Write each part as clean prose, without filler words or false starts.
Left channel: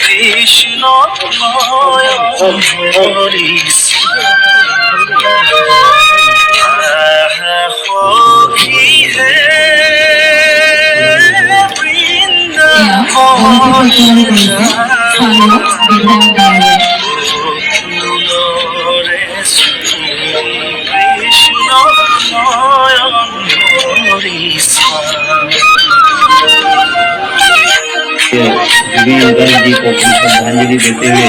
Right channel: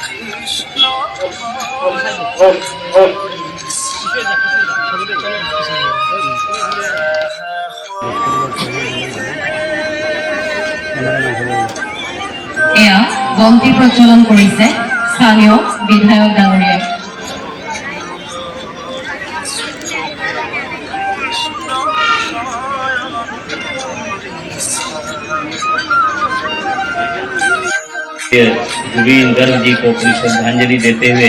কৃষ্ণ এয়া বন্তি প্ৰজ্বলন কৰিছে স্থানীয় বিধায়ক ডাঙৰীয়াই। जुबीन गर्ग जी को अपनी श्रद्धांजलि देते हुए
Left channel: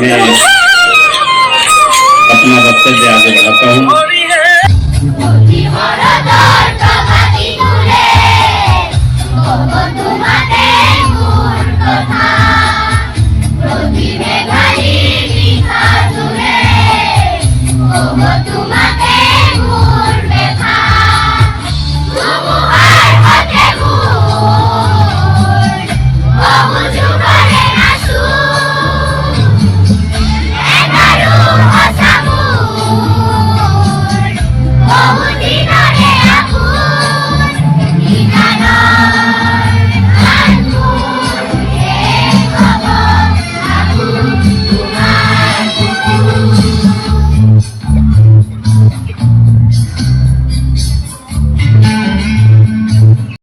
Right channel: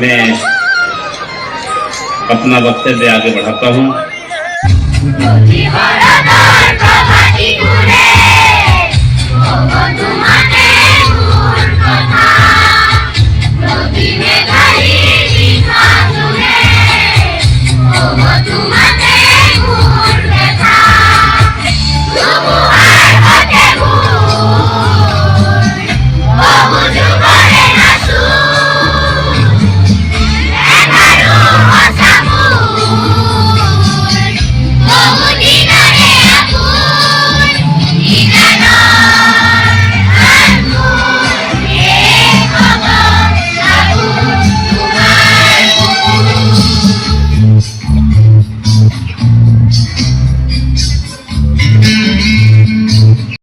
मैं अपना वक्तव्य आगे बढ़ाता हूँ।